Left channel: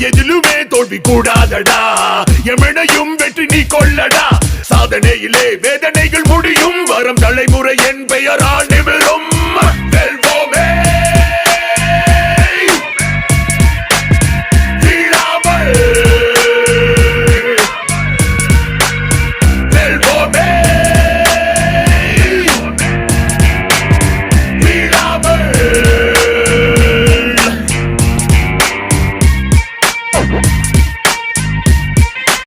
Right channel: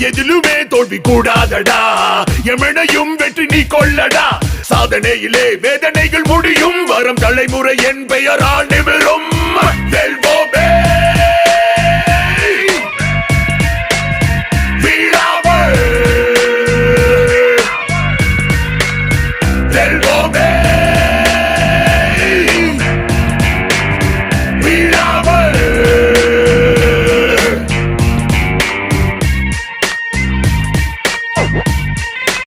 எதிலுமே தோல்வி கூடாதடா எமனையும் வெற்றி நீ கொள்ளடா சாதனையிலே வேதனைகள் முடியும் வரும் தலைமுறை என் பெயரால் நிமிர்